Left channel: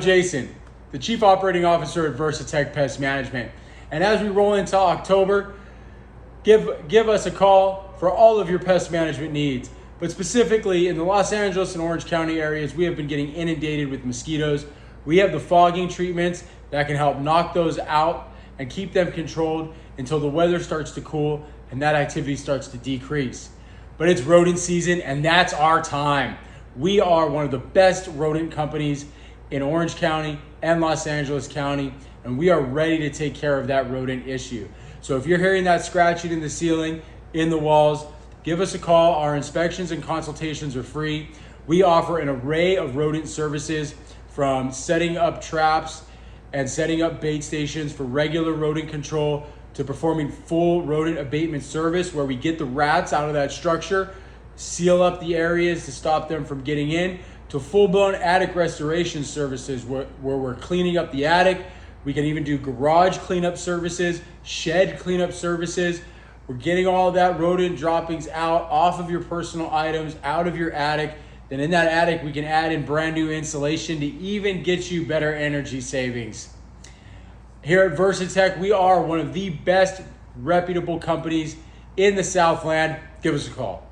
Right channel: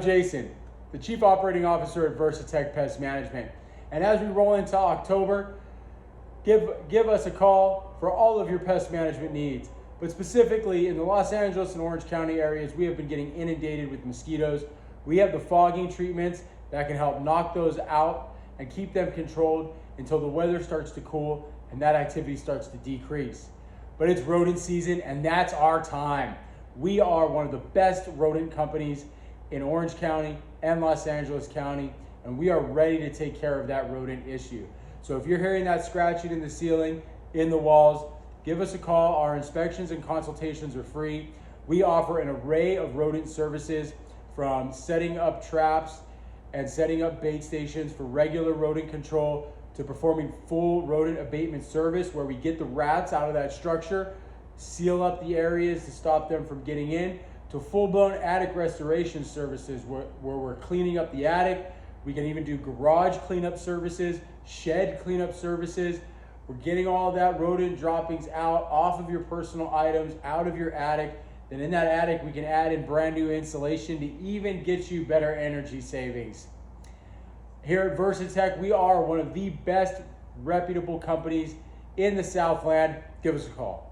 Jason, the Chief Operating Officer at Versatech Pest Management. And as we roll into October, give us a call for all of your pest management needs. But specifically in the Los Angeles and Orange County areas, we have been getting inundated with mosquitoes. We have the fogging treatments that can help knock those out and keep them controlled until the weather starts to cool and that activity starts to decrease. But it's rodent season, and that's our time. We are one of the best rodent companies in Orange County and Los Angeles County, and we are ready to take care of that rodent issue. So if you're hearing that scratching in the ceiling, in the walls, give us a call. Our inspections and consultations are free. We offer an array of rodent services, from setting up traps and setting up bait stations for regular rodent control to performing full rodent abatement service, where we get the rats out of that structure, seal up the areas to stop them from getting in, to full-blown attic restoration services where we're cleaning up the attic. We can even do garage cleanup services, shed cleanup services. We're getting all of that rodent droppings out, off of your personal items, out of your attic. Then in that attic, we can add in brand new insulation to even get you better energy savings. Here at Versatech, we are one of the best reputable companies in the Southland. Give us a call.